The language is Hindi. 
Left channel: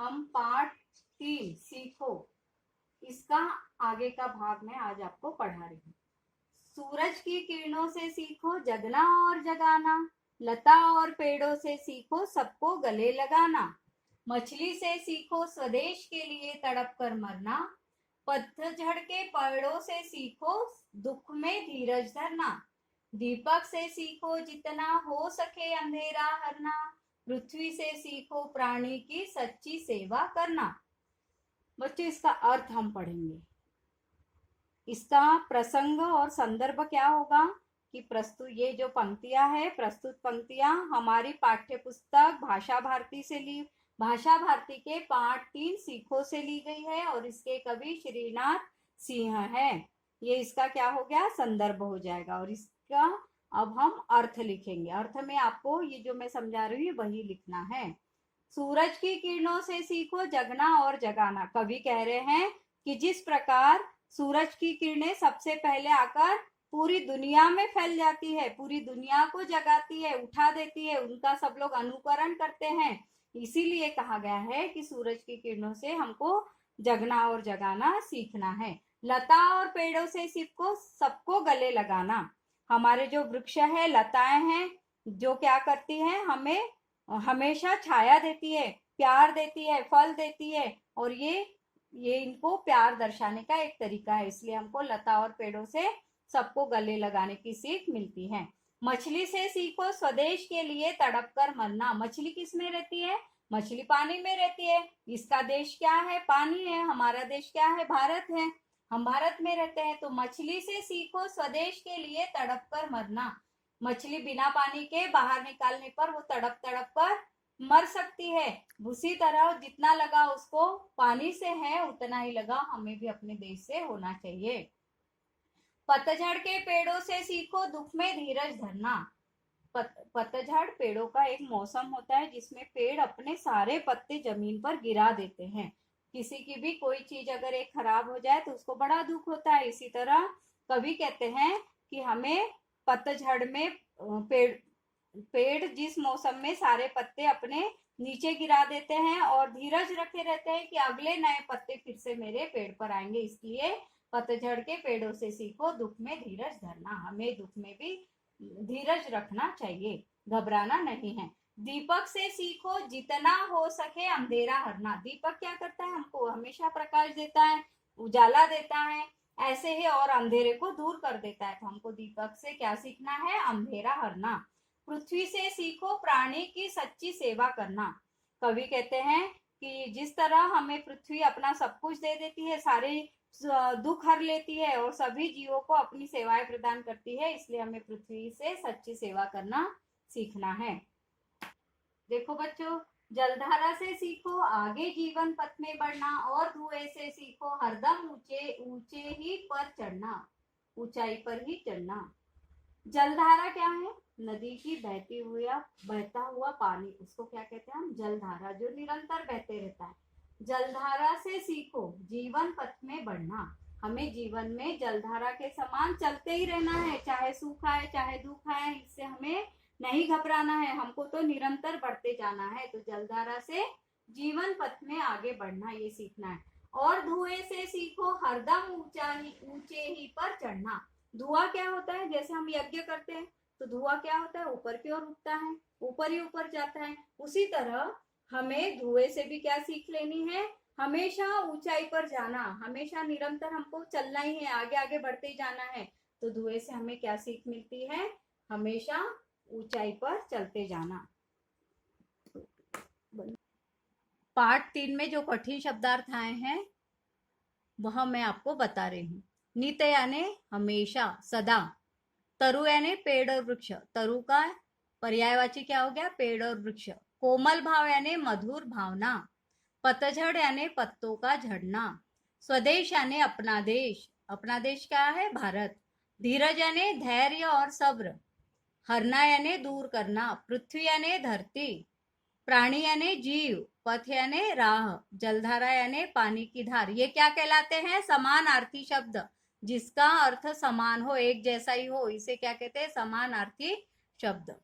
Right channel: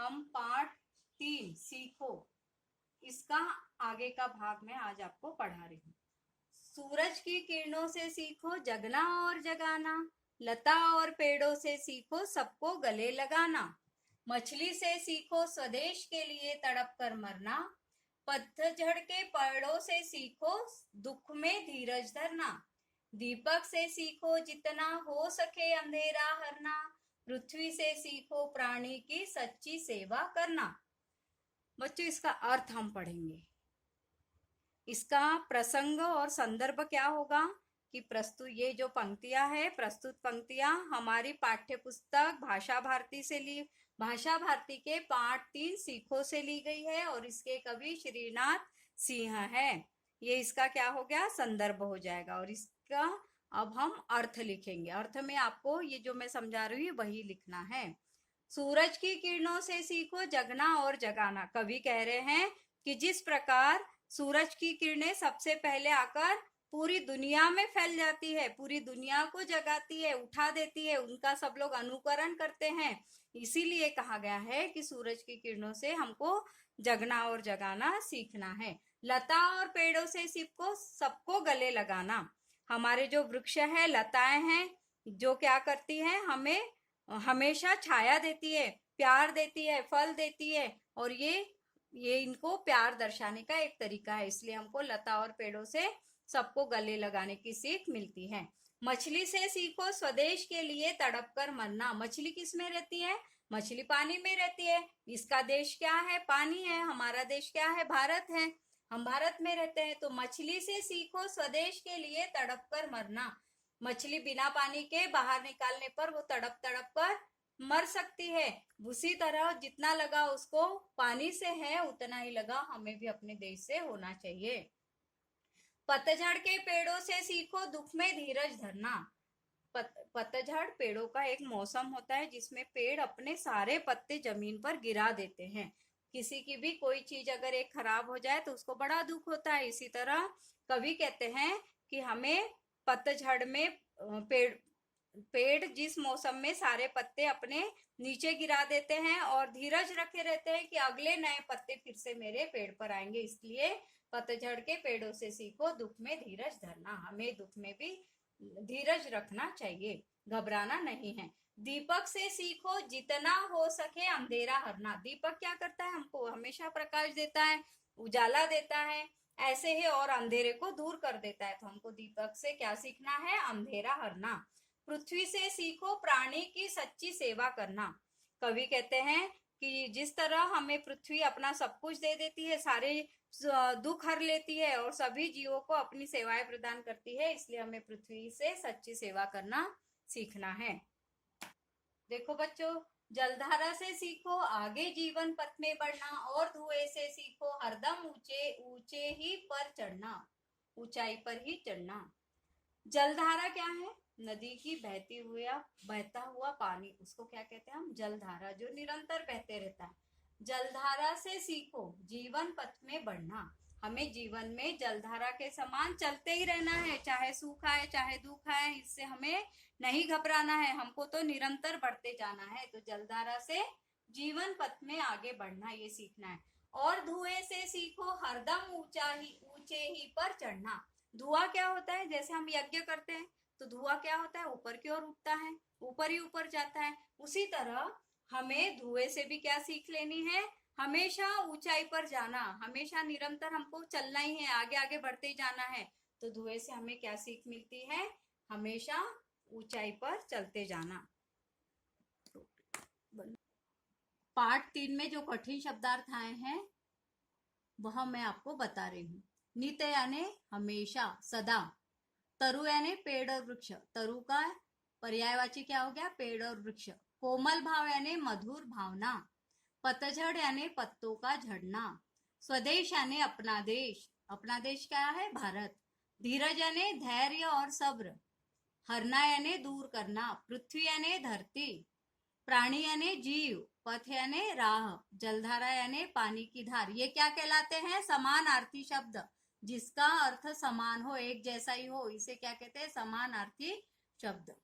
हम पार्ट 3 सीखो, इसका आगे का भाग मैं आज आपको पढ़ा रही हूँ। सूरज की किरणों से सीखो जगना और जगाना, लता और पेड़ों से सीखो सबको गले लगाना, मछली से सीखो स्वदेश के लिए तड़प कर मरना, पतझड़ के पेड़ों से सीखो दुख में धीरज धरना, दीपक से सीखो जितना हो सके अंधेरा हरना, पृथ्वी से सीखो प्राणी की सच्ची सेवा करना। बच्चों, इसका अर्थ हम पढ़ेंगे। इसका प्रसंग और संदर्भ क्या होगा कि प्रस्तुत ये जो पंक्तियां है, प्रस्तुत पंक्तियां हमारी पाठ्य पुस्तक भाषा भारती से ली, भाषा भारती के पाठ 3 सीखो से ली गई है और इसके कवि श्रीनाथ सिंह है। ये इसका क्या हो गया, संदर्भ हो जाएगा। और इसका अब हम अर्थ लिखेंगे। अर्थ में आपको ये जो मैं समझा रही हूँ वही लिखना है। सूरज की किरणों से सीखो जगना और जगाना। कवि कह रहे हैं कि जिस प्रकार सूरज की किरणें सबसे पहले आकर पूरी दुनिया में फैल जाती है, पूरी दुनिया को जगाती है, उठा देती है, उनका सब लोग अनुकरण करते हैं, इसीलिए कहा गया है कि सूरज की किरणों से हमको जगना और जगाना सीखना है। लता और पेड़ों से सीखो सबको गले लगाना। हमारे जो वृक्ष है, लताएं हैं, जो क्या करती हैं, हमें हमेशा छाया देती है, प्यार देती है, फल देती है, और ये इनको प्यार दर्शाने का एक तरीका है। इसलिए हमको लता और पेड़ों से सबको गले लगाने की सीख मिलती है। मछली से सीखो स्वदेश के लिए तड़प कर मरना। मछली किस में रहती है? मछली पानी में रहती है। इसका देश क्या है? पानी है। हमारा देश क्या है? भारत है। हम भारत में रहते हैं। तो मछली से सीखो स्वदेश के लिए तड़प कर मरना। मछली बिना पानी के बाहर निकालने पर वो तड़प तड़प कर मर सकती है। उसी तरह जितना लगा उसको पानी से है, उतना ही लगा हमें भी अपने देश से होना चाहिए। पतझड़ के पेड़ों से सीखो दुख में धीरज धरना। पतझड़ पेड़ों का एक मौसम होता है जिसमें पेड़ अपने सारे पत्ते जमीन पर गिरा देते हैं। किसी की भी कोई चीज अगर एक खराब हो जाए तो उसको बड़ा दुख होता है। इसी तरह कवि कहते हैं कि हमें पतझड़ में पेड़ जिस मौसम में सारे पत्ते अपने नीचे गिरा देते हैं और धीरज रखे रहते हैं कि अगले नए पत्ते फिर से मेरे पेड़ पर आएंगे, इसलिए पतझड़ के पेड़ों से सीखो दुख में धीरज धरना। हमें दुख में भी धीरज रखना चाहिए, घबराना नहीं है। दीपक से सीखो जितना हो सके अंधेरा हरना। दीपक क्या करता है? हमको हमेशा प्रकाश देता है, उजाला देता है, ऐसे ही और अंधेरे को दूर कर देता है। तो हमको दीपक से क्या सीखना है? अंधेरा हरना। पृथ्वी से सीखो प्राणी की सच्ची सेवा करना। कवि कहते हैं कि जिस तरह हमें पृथ्वी अपना सब कुछ दे देती है, सारे दुख हर लेती है और सभी जीवों को अपनी सेवाएं प्रदान करती है, इसलिए हमें पृथ्वी से सच्ची सेवा करना सीखना है। देखो बच्चों, जलधारा से सीखो आगे जीवन पथ में बढ़ना और धुएं से सीखो हरदम ऊंचे ऊंचे ही पर चढ़ना, ऊंचाई पर ही चढ़ना। जलधारा क्या है? नदी की बहता हुआ पानी, उसको क्या कहते हैं हम? जलधारा, जो निरंतर बहते रहता है। जलधारा से सीखो जीवन पथ में बढ़ना। हमें जीवन में जलधारा के समान चलते ही रहना है, चाहे सुख आए चाहे दुख आए, इससे हमें नहीं घबराना है, हमको तो निरंतर बढ़ते जाना है। तो जलधारा से जीवन पथ में आगे बढ़ना, ये सीखना है। और धुएं से सीखो हरदम ऊंचे ही पर चढ़ना। धुआं क्या होता है? जैसे हम यज्ञ करते हैं तो धुआं क्या होता है? ऊपर की ओर उठता है, ऊपर ही ऊपर जाता है। उसी तरह हमें धुएं से भी क्या सीख लेनी है? हमेशा ऊंचाई पर जाना, हमेशा निरंतर हमको चलना ही है, आगे आगे बढ़ते ही जाना है। तो धुएं से हमें क्या सीख मिलती है? हमेशा ऊंचाई पर चलते जाना। पार्ट 3 में जो कठिन शब्दार्थ आए हैं वह मैं आपको बता रही हूँ। नित यानी हमेशा, सदा। तरु यानी पेड़ और वृक्ष, तरु का पर्यायवाची क्या हो गया? पेड़ और वृक्ष। कोमल भाव यानी मधुर भावना। पतझड़ यानी पत्तों का झड़ना। स्वदेश यानी अपना देश, अपना देश क्या है? भारत। धीरज यानी धैर्य और सब्र। हरना यानी दूर करना। पृथ्वी यानी धरती। प्राणी यानी जीव। पथ यानी राह। जलधारा यानी पानी की धार। ये क्या कहलाते हैं? समानार्थी शब्द। जिसका अर्थ समान हो, एक जैसा ही हो, इसे क्या कहते हैं? समानार्थी शब्द।